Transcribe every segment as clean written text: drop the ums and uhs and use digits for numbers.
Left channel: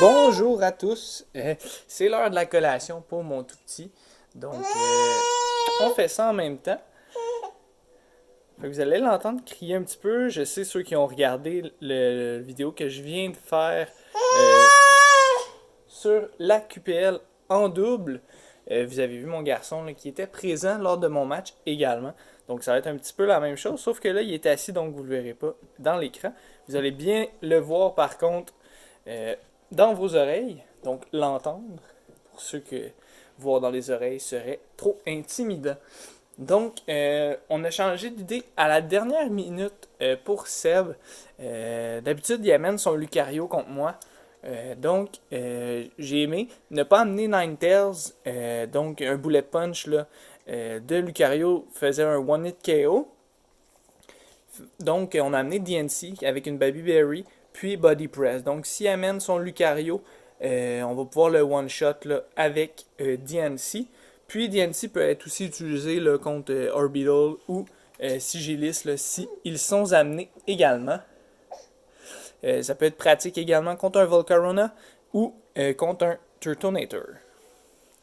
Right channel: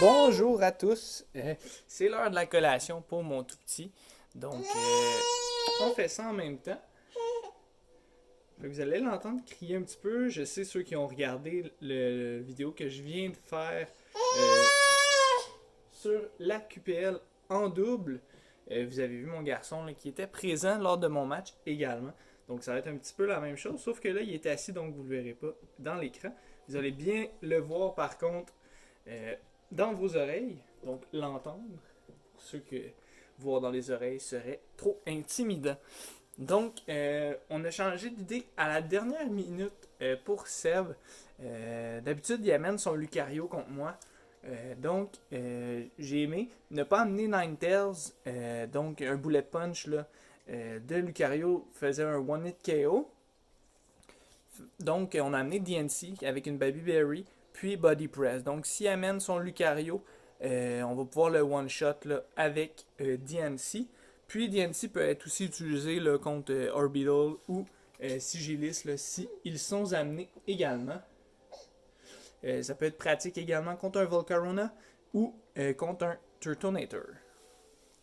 Bonjour à tous. C'est l'heure de la collation pour mon tout petit. Donc, on fait ça en même temps. Fait que vous allez l'entendre crier un petit peu. Je sais ceux qui ont regardé le vidéo que je viens de faire sur la QPL en double. Vous avez vu mon garçon là, qui était présent lors de mon match également. Donc ça va être un petit peu la même chose, sauf que là il est assis donc vous ne le verrez pas dans l'écran. Vous allez bien le voir par contre euh, dans vos oreilles, donc l'entendre, pour ceux que voir dans les oreilles serait trop intimidant. Donc, on a changé d'idée à la dernière minute pour Seb. D'habitude, il amène son Lucario contre moi. J'ai aimé ne pas amener Ninetales, donc un bullet punch là, de Lucario faisait un one-hit KO. Donc, on a amené DNC avec une Baby Berry, puis Body Press. Donc, s'il amène son Lucario, on va pouvoir le one-shot là, avec DNC. Puis, DNC peut être aussi utilisé là, contre Orbital ou Sigilis là, si ils sont amenés également. Ça peut être pratique également contre un Volcarona ou contre un Turtonator.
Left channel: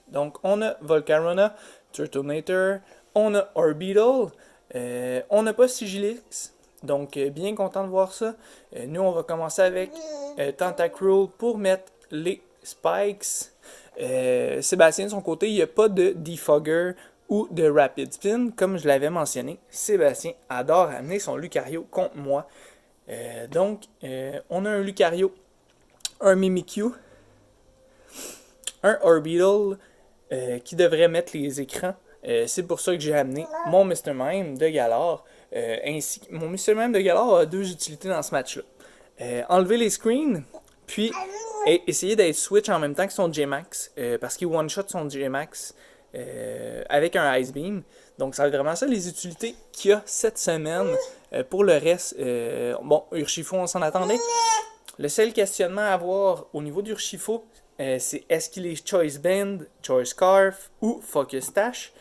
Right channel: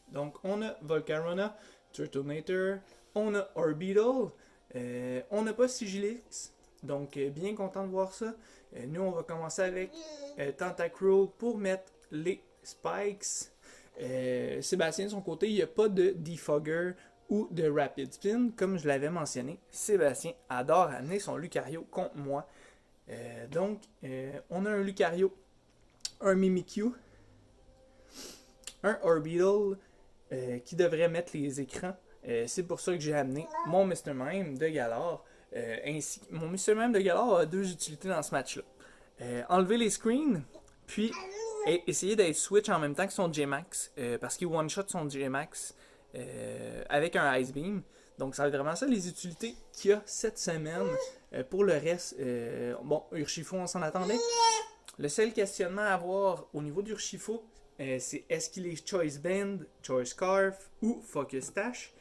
Donc, on a Volcarona, Turtonator, on a Orbital, on n'a pas Sigilix, donc bien content de voir ça. Nous, on va commencer avec Tentacruel pour mettre les Spikes. Sébastien, de son côté, il n'y a pas de Defogger ou de Rapid Spin, comme je l'avais mentionné. Sébastien adore amener son Lucario contre moi. On a un Lucario, un Mimikyu, un Orbital, qui devrait mettre les écrans. C'est pour ça que j'ai amené mon Mr. Mime de Galar. Mon Mr. Mime de Galar a deux utilités dans ce match-là. Enlever les screens, puis essayer d'être switch en même temps que son J-Max, parce qu'il one-shot son J-Max avec un Ice Beam. Donc ça va être vraiment ça les utilités qu'il y a cette semaine. Pour le reste, bon, Urshifu, on s'en attendait. Le seul questionnement à avoir au niveau d'Urshifu, c'est est-ce qu'il est Choice Band, Choice Scarf ou Focus Dash.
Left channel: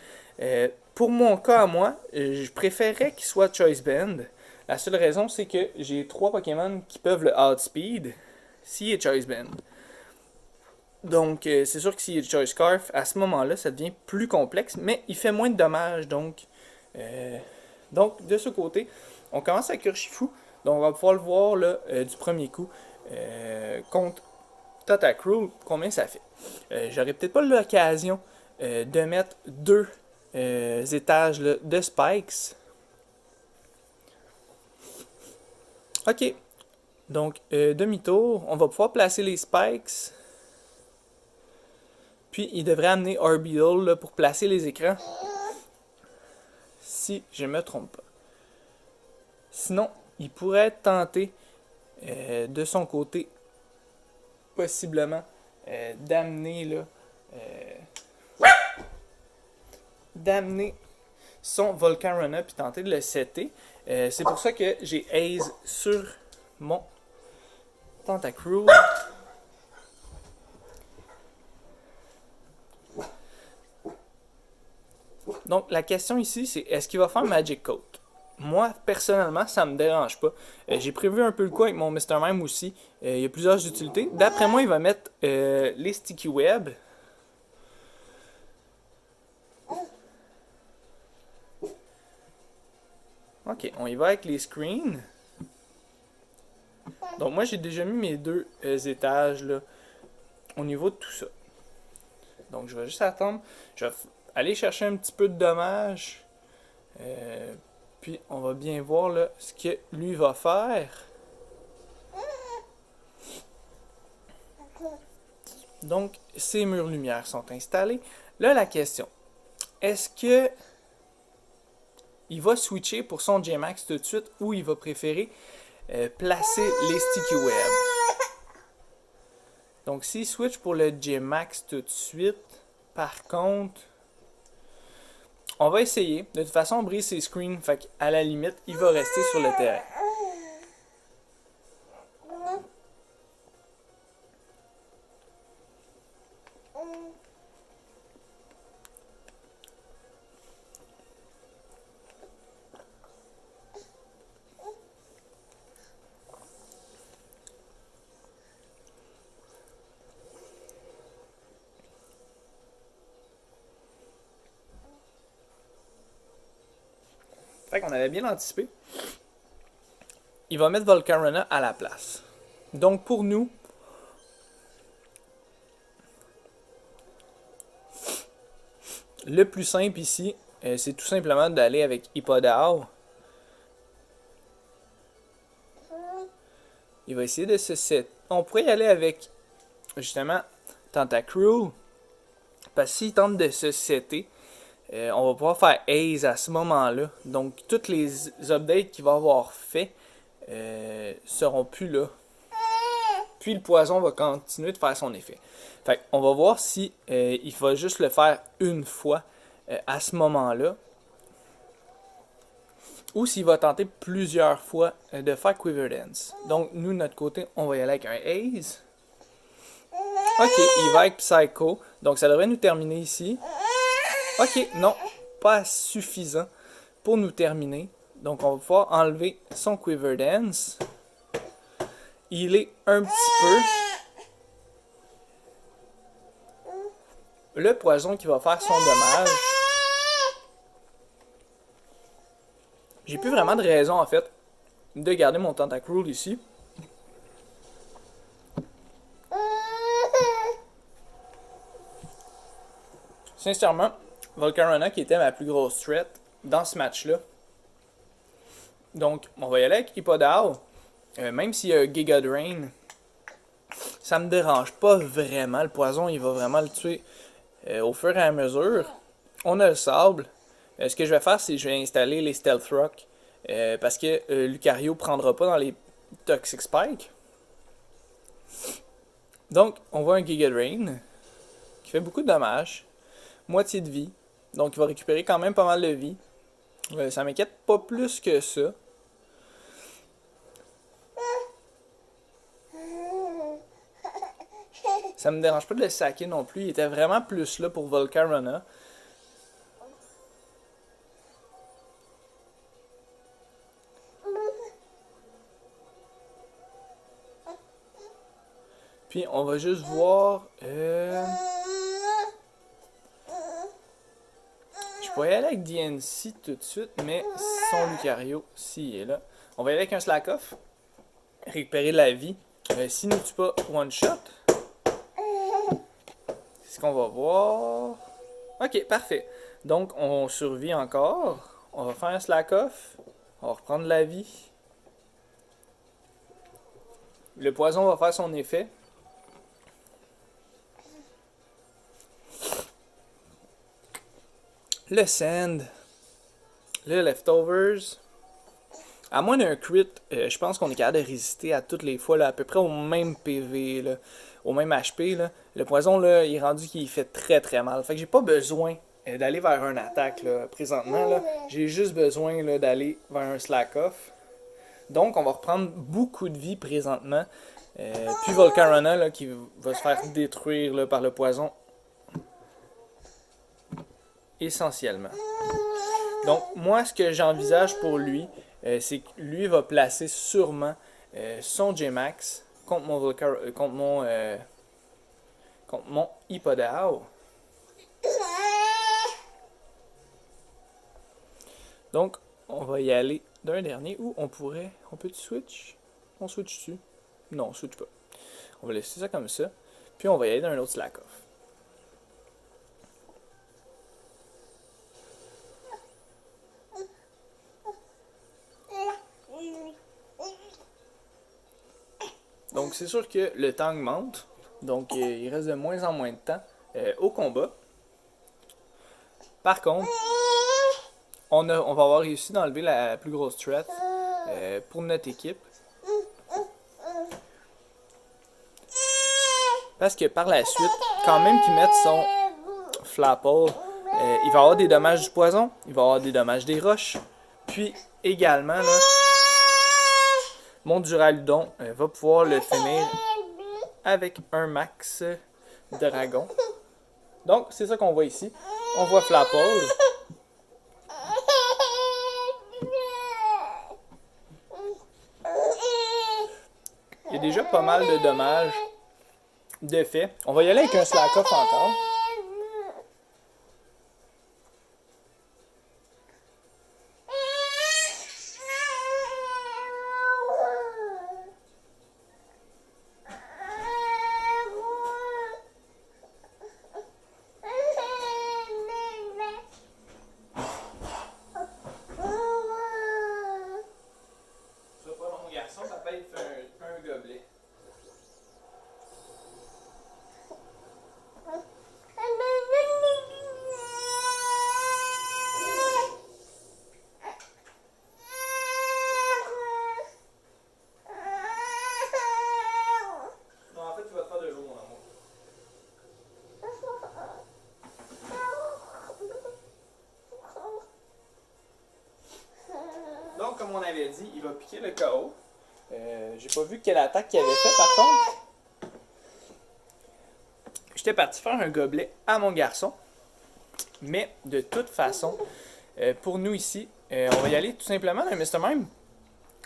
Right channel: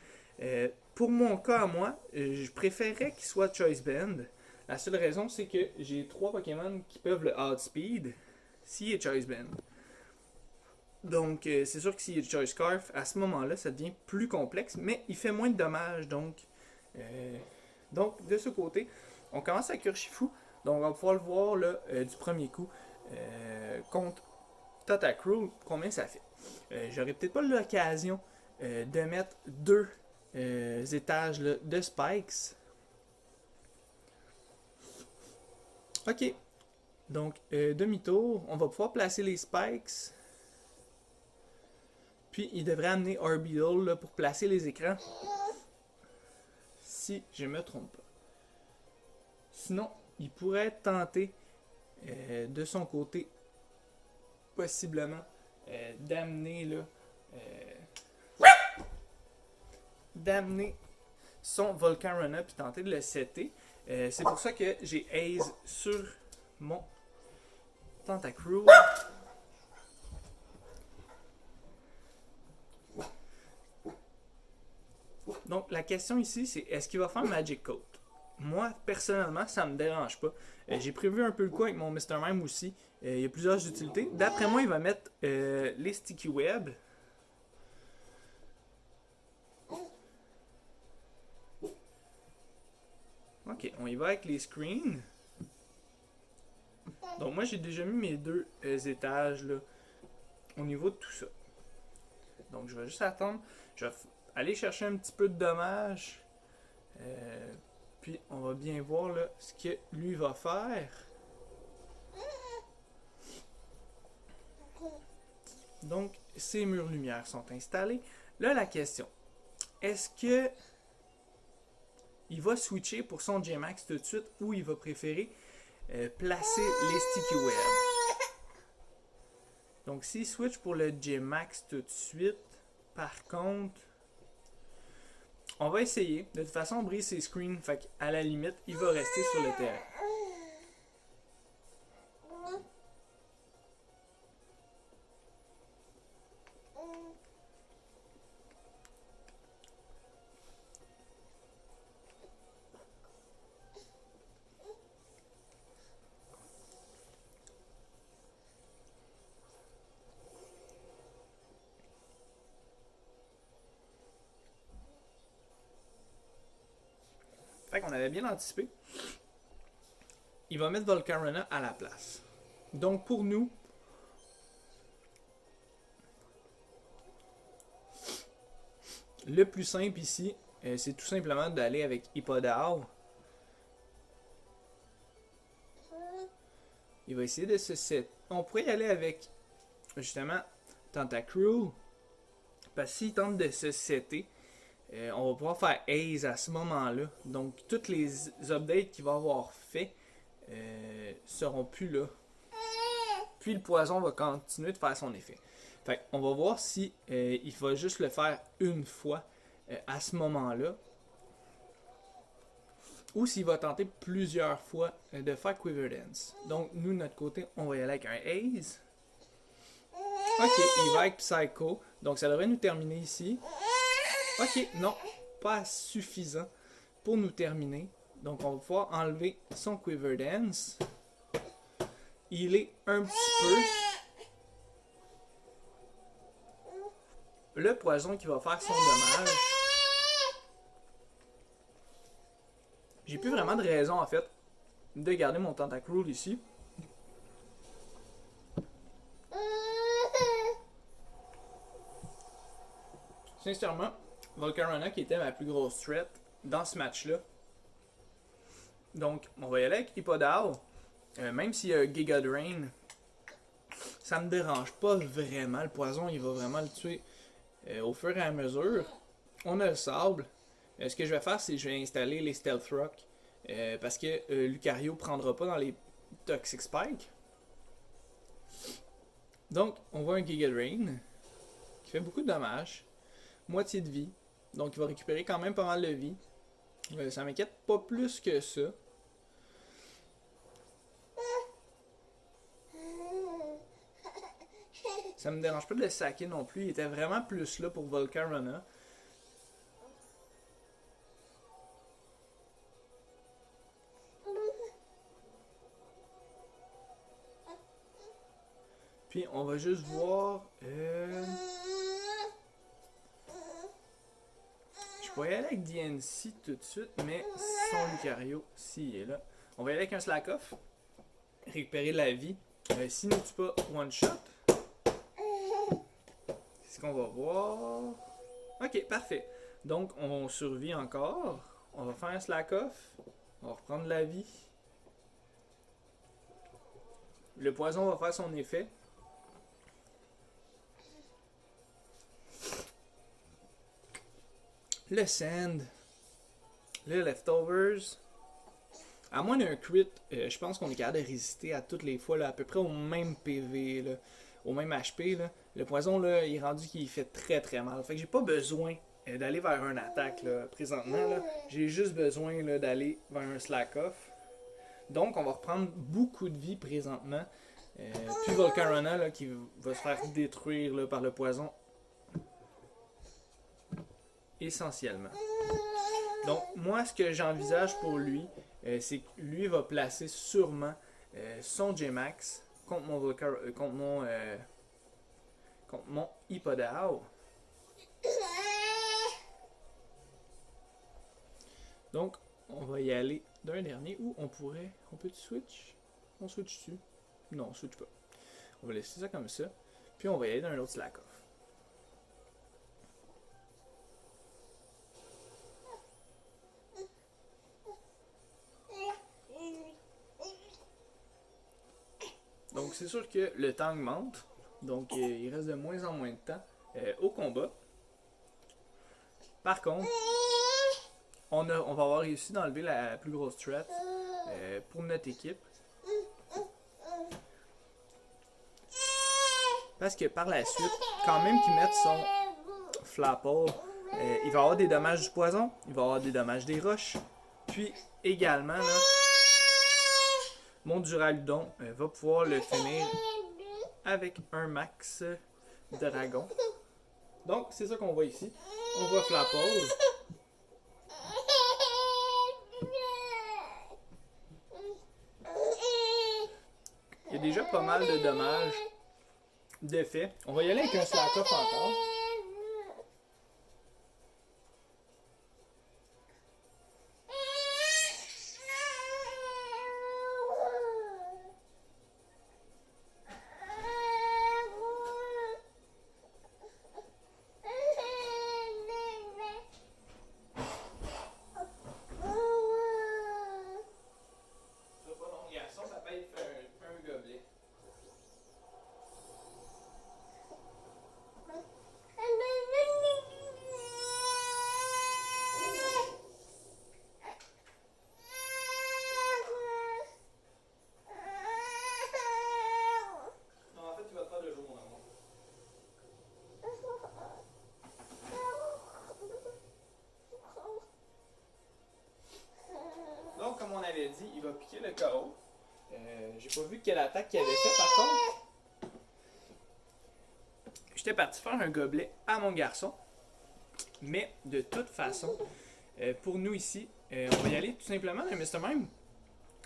Pour mon cas à moi, je préférerais qu'il soit Choice Band. La seule raison, c'est que j'ai trois Pokémon qui peuvent le outspeed s'il est Choice Band. Donc, c'est sûr que s'il est Choice Scarf, à ce moment-là, ça devient plus complexe, mais il fait moins de dommages. Donc de ce côté, on commence avec Urshifu. Donc, on va pouvoir le voir là, du premier coup contre Tentacruel, combien ça fait. J'aurais peut-être pas l'occasion de mettre deux étages là, de spikes. Ok, donc demi-tour, on va pouvoir placer les spikes. Puis il devrait amener Orbital là, pour placer les écrans. Si je me trompe pas. Sinon, il pourrait tenter de son côté, possiblement, d'amener là, d'amener son Volcarona puis tenter de le setter. C'est pour ça que j'ai Ace sur mon Tentacruel. Donc la question ici, c'est est-ce qu'il va faire Magic Coat? Moi, personnellement, ça me dérange pas. J'ai prévu un peu le coup avec mon Mr. Mime aussi. Il y a plusieurs utilités. D'après moi, il va mettre les Sticky Web. Ok, on y va avec les screens. Donc moi, j'ai déjà mis mes deux étages là, au niveau de tout ça. Donc je vais juste attendre. Je vais aller chercher un petit peu de dommages. Puis on va bien voir là, ce que lui va faire. Donc, ces murs lumière sont installés. Là, la question, est-ce que il va switcher pour son J-Max tout de suite ou il va préférer placer les Sticky Web? Donc, s'il switch pour le J-Max tout de suite, par contre, on va essayer. De toute façon, on brise ses screens, fait qu'à la limite, il va rester sur le terrain. on avait bien anticipé. Il va mettre Volcarona à la place. Donc pour nous, le plus simple ici, c'est tout simplement d'aller avec Hippodau. Il va essayer de se set. On pourrait y aller avec, justement, Tentacruel. Parce que s'il tente de se setter, on va pouvoir faire Haze à ce moment-là. Donc, toutes les updates qu'il va avoir fait seront plus là. Puis le poison va continuer de faire son effet. Fait on va voir si il va juste le faire une fois à ce moment-là. Ou s'il va tenter plusieurs fois de faire Quiver Dance. Donc, nous, de notre côté, on va y aller avec un Haze. Ok, il va avec Psycho. Donc, ça devrait nous terminer ici. Ok, non, pas suffisant pour nous terminer. Donc, on va pouvoir enlever son Quiver Dance. Il est un petit peu le poison qui va faire son dommage. J'ai plus vraiment de raison, en fait, de garder mon Tentacruel ici. Sincèrement, Volcarona qui était ma plus grosse threat dans ce match-là. Donc, on va y aller avec Hippodau. Même s'il y a un Giga Drain, ça me dérange pas vraiment. Le poison, il va vraiment le tuer au fur et à mesure. On a le sable. Ce que je vais faire, c'est que je vais installer les Stealth Rock. Parce que Lucario prendra pas dans les Toxic Spike. Donc, on voit un Giga Drain qui fait beaucoup de dommages. Moitié de vie. Donc, il va récupérer quand même pas mal de vie. Ça m'inquiète pas plus que ça. Ça me dérange pas de le saquer non plus. Il était vraiment plus là pour Volcarona. Puis on va juste voir. Je pourrais y aller avec DNC tout de suite, mais son Lucario, s'il est là. On va y aller avec un Slack Off. Récupérer la vie. S'il ne tue pas one shot. C'est ce qu'on va voir. Ok, parfait. Donc on survit encore. On va faire un Slack Off. On va reprendre la vie. Le poison va faire son effet. Le Sand. Le Leftovers. À moins d'un crit, je pense qu'on est capable de résister à toutes les fois, là, à peu près au même PV, là, au même HP. Là. Le poison, là, il est rendu qu'il fait très très mal. Fait que j'ai pas besoin d'aller vers une attaque là, présentement. Là. J'ai juste besoin là, d'aller vers un slack off. Donc, on va reprendre beaucoup de vie présentement. Puis Volcarona là, qui va se faire détruire là, par le poison. Essentiellement. Donc, moi, ce que j'envisage pour lui, c'est que lui va placer sûrement son J-Max contre mon Hippodau. Donc, on va y aller d'un dernier où on peut switch? On switch dessus? Non, on switch pas. On va laisser ça comme ça. Puis on va y aller d'un autre slack off. Donc c'est sûr que le temps augmente. Donc il reste de moins en moins de temps au combat. Par contre, on va avoir réussi d'enlever la plus grosse threat pour notre équipe. Parce que par la suite, quand même qu'il mette son Flapple, il va avoir des dommages du poison, il va avoir des dommages des roches. Puis également, là, mon Duraludon va pouvoir le finir avec un max dragon. Donc, c'est ça qu'on voit ici. On voit Flapple. Il y a déjà pas mal de dommages de fait. On va y aller avec un slack off encore. comme on avait dit, il va piquer le KO. J'ai pas vu quelle attaque qu'il avait fait par contre. J'étais parti faire un gobelet à mon garçon. Mais de toute façon, pour nous ici, on va y aller tout simplement d'un Mr. Mime.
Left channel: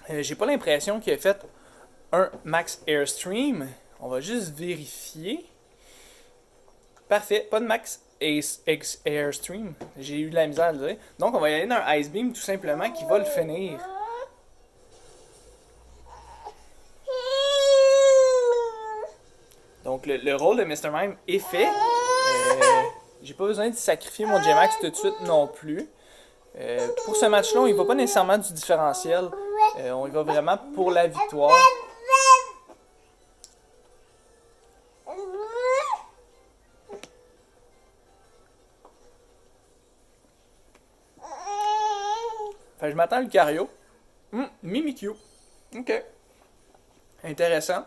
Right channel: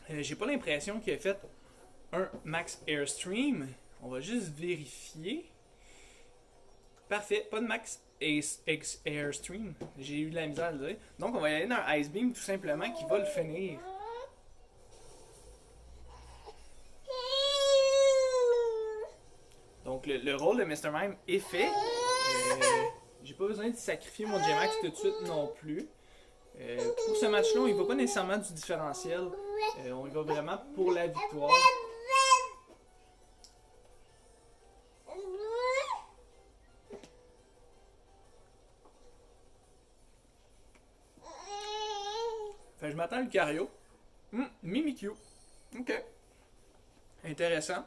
J'ai pas l'impression qu'il a fait un Max Airstream. On va juste vérifier. Parfait, pas de Max Airstream. J'ai eu de la misère à le dire. Donc on va y aller d'un Ice Beam tout simplement qui va le finir. Donc le rôle de Mr. Mime est fait. J'ai pas besoin de sacrifier mon J-Max tout de suite non plus. Pour ce match-là, on y va pas nécessairement du différentiel. On y va vraiment pour la victoire. Fait que je m'attends à Lucario. Mimikyu. Ok. Intéressant.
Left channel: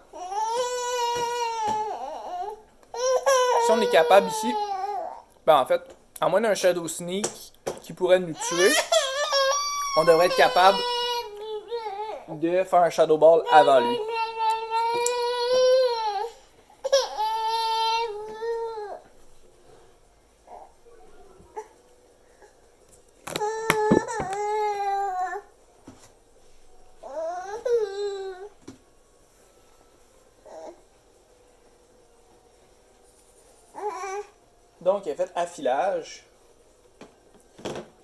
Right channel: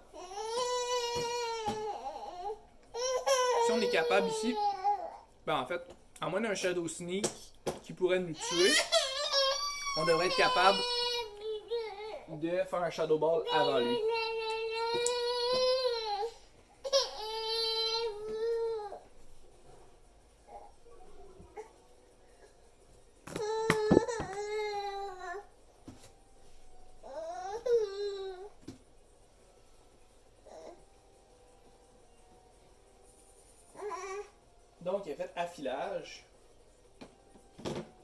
Si on est capable ici, ben en fait, à moins d'un Shadow Sneak qui pourrait nous tuer, on devrait être capable de faire un Shadow Ball avant lui. Donc, il a fait affilage.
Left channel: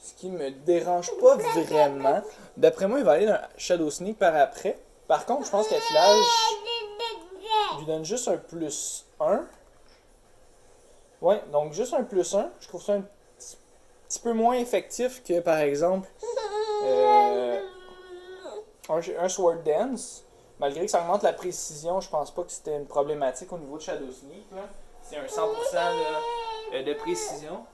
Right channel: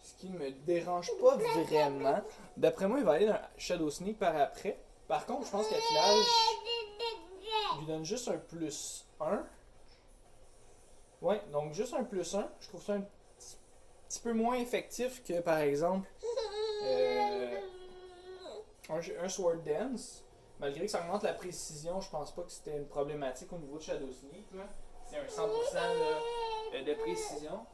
Ce qui me dérange pas vraiment. D'après moi, il va aller dans Shadow Sneak par après. Par contre, je pense qu'affilage lui donne juste un plus 1. Ouais, donc juste un plus 1. Je trouve ça un petit peu moins effectif que, par exemple, un Sword Dance. Malgré que ça augmente la précision, je pense pas que c'était une problématique au niveau de Shadow Sneak. C'est un 100% de précision.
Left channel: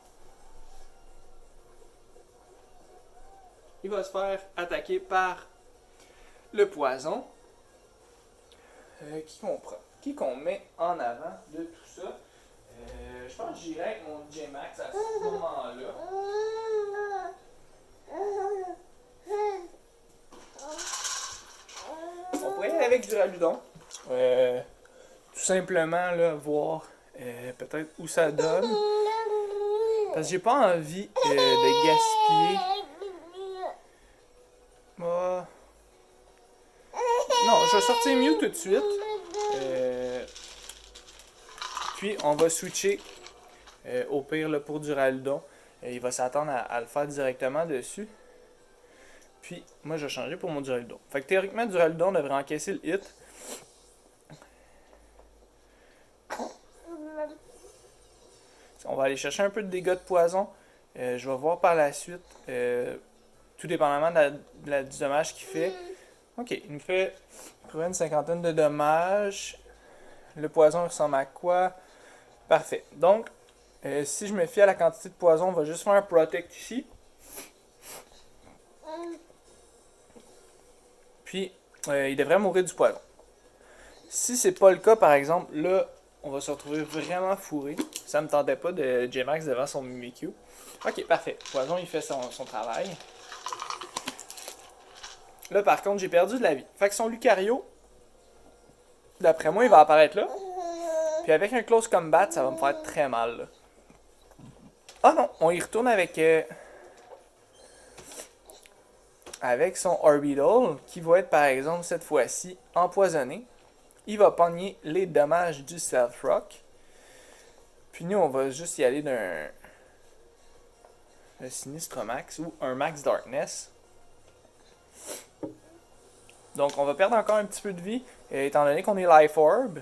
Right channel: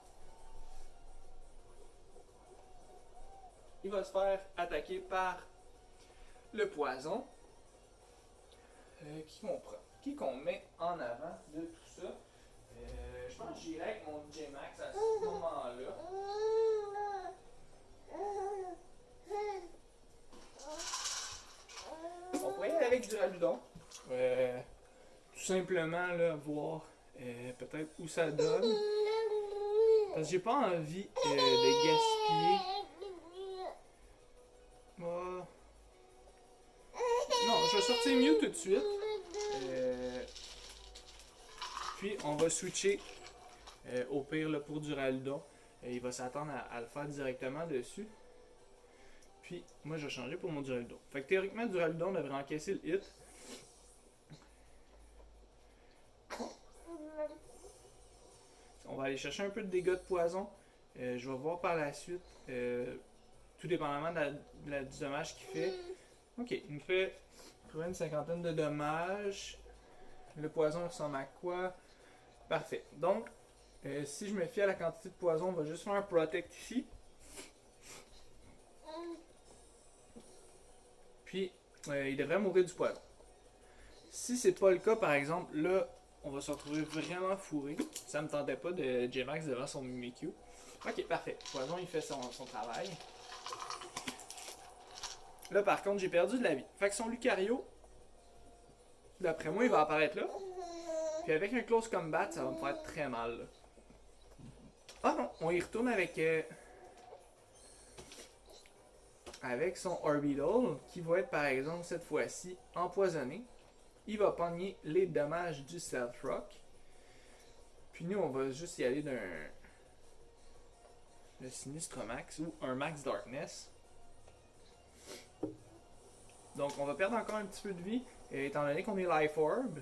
Il va se faire attaquer par le poison. Qui qu'on prend? Qui qu'on met en avant de tout ça? Je pense que j'irai avec mon J-Max à ce moment-là. On pourrait y aller avec du Raludon. Tout simplement là, voir peut-être où ça donne. Parce que j'ai pas envie de gaspiller. Non, je vais sortir Mew tout de suite. Puis on va switcher au pire là, pour du Raludon. Il va s'attendre à le faire directement dessus. Puis moi je vais changer pour mon Duraludon. Fait que théoriquement Duraludon devrait encaisser le hit. On va aller chercher un peu de dégâts de poison. Je vais voir par la suite, tout dépendamment du dommage qu'il fait. Ok, il nous fait une cinquantaine de dommages. Le poison ressemble à quoi? Parfait. Donc, si je me fie à la quantité de poison, on va juste faire un protect ici. Puis, il devrait mourir du poison. Si c'est pas le cas, par exemple, là, on va se retrouver vraiment fourré. Ça me tentait pas de J-Max devant son Mimikyu. Ok, parfait. Poison, il fait son travail. Là, par contre, j'ai perdu de la vie. Fait que son Lucario, d'après moi, il va apparaître là. Puis avec un close combat, ça va me faire très mal. Là. Ah non, on y retourne avec son Orbital, qui va être par exemple cette fois-ci empoisonné. Il va pogner les dommages du Stealth Rock. Puis nous, on va juste y aller d'un Sinistre Max ou un Max Darkness. Donc on va perdre encore un petit peu de vie, étant donné qu'on est Life Orb.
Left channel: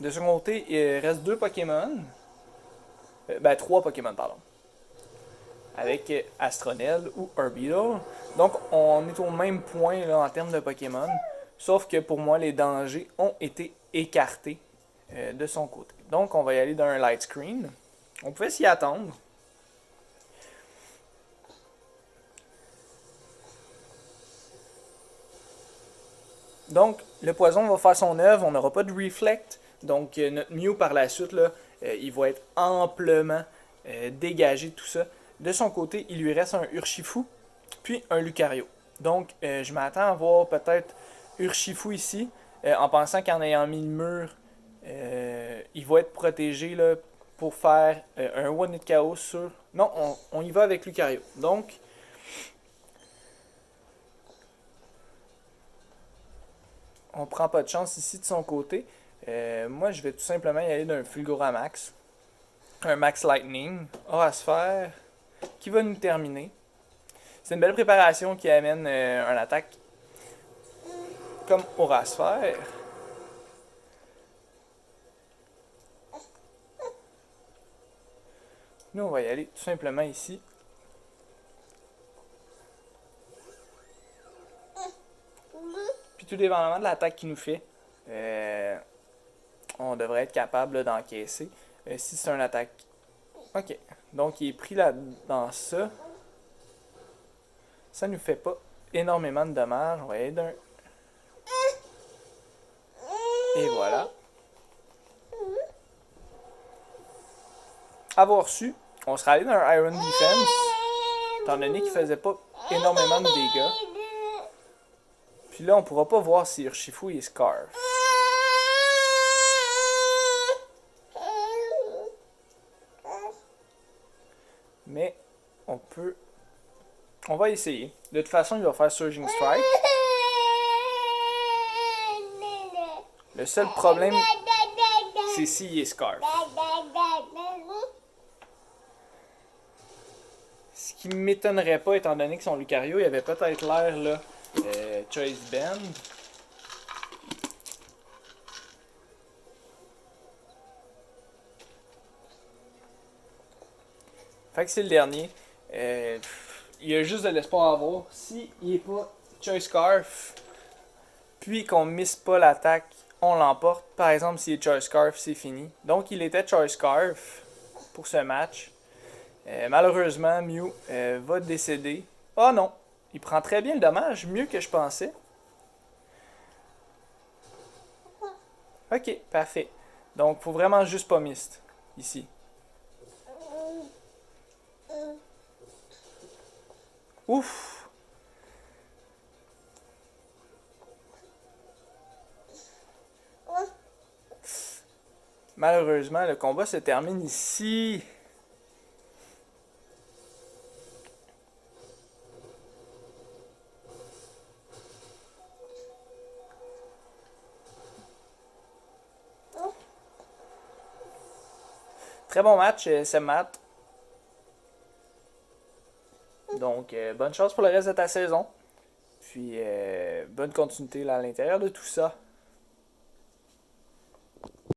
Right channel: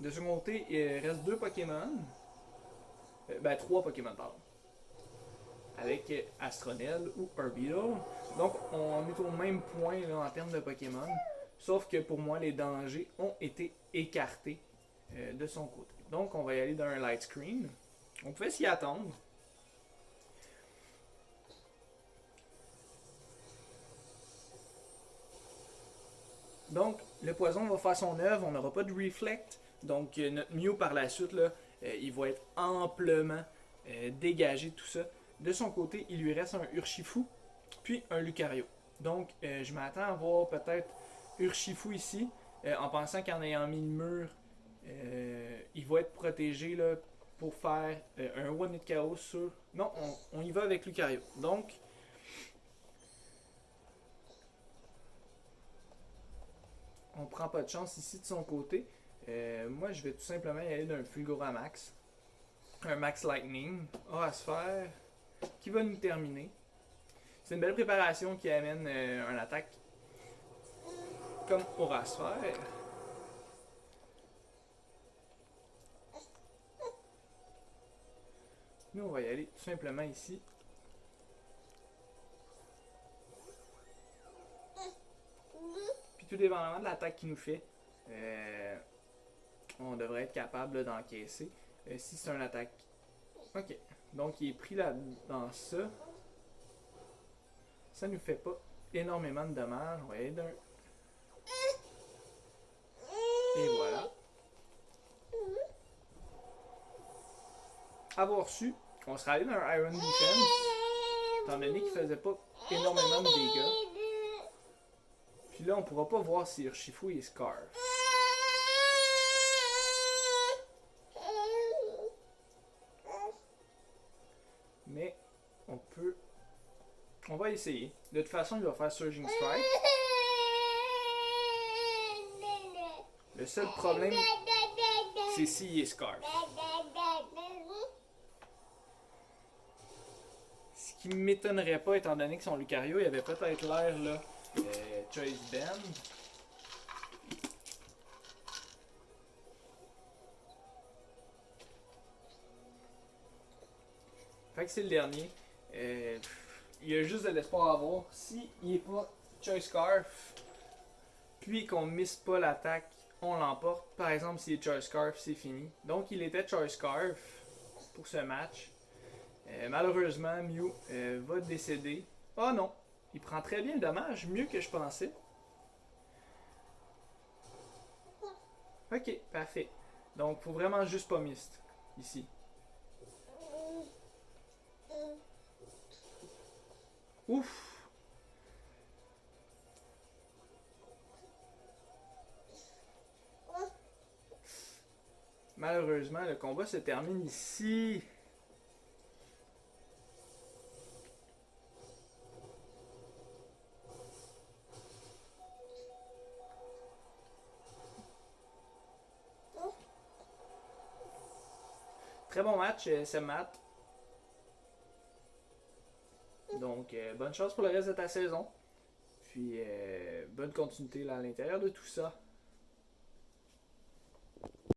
De ce côté, il reste 2 Pokémon. 3 Pokémon, pardon. Avec Astronel ou Orbital. Donc on est au même point là, en termes de Pokémon. Sauf que pour moi, les dangers ont été écartés de son côté. Donc on va y aller dans un Light Screen. On pouvait s'y attendre. Donc, le poison va faire son œuvre. On n'aura pas de Reflect. Donc, notre Mew par la suite, là, il va être amplement dégagé de tout ça. De son côté, il lui reste un Urshifu, puis un Lucario. Donc, je m'attends à voir peut-être Urshifu ici, en pensant qu'en ayant mis le mur, il va être protégé là, pour faire un One Hit KO sur... Non, on y va avec Lucario. Donc, on prend pas de chance ici de son côté. Moi, je vais tout simplement y aller d'un Fulguramax. Un Max Lightning. Aurasphère, qui va nous terminer. C'est une belle préparation qui amène un attaque comme Aurasphère. Nous, on va y aller tout simplement ici. Puis tout dépendamment de l'attaque qu'il nous fait, on devrait être capable d'encaisser. Si c'est un attaque... Ok. Donc il est pris là dans ça. Ça nous fait pas énormément de dommages. On va y aller d'un... Et voilà. Avoir su, on serait allé dans un Iron Defense, étant donné qu'il faisait pas énormément de dégâts. Puis là, on pourra pas voir si Urshifu est Scarf. Mais on peut... On va essayer. De toute façon, il va faire Surging Strike. Le seul problème, c'est s'il est Scarf. Ce qui m'étonnerait pas, étant donné que son Lucario, il avait peut-être l'air là, Choice Band. Fait que c'est le dernier. Il y a juste de l'espoir à avoir. Si il est pas Choice Scarf, puis qu'on mise pas l'attaque, on l'emporte. Par exemple, s'il est Choice Scarf, c'est fini. Donc il était Choice Scarf pour ce match. Malheureusement, Mew va décéder. Oh non, il prend très bien le dommage, mieux que je pensais. Ok, parfait. Donc, faut vraiment juste pas mist ici. Ouf! Malheureusement, le combat se termine ici. Très bon match, c'est Matt. Donc, bonne chance pour le reste de ta saison. Puis, bonne continuité là, à l'intérieur de tout ça.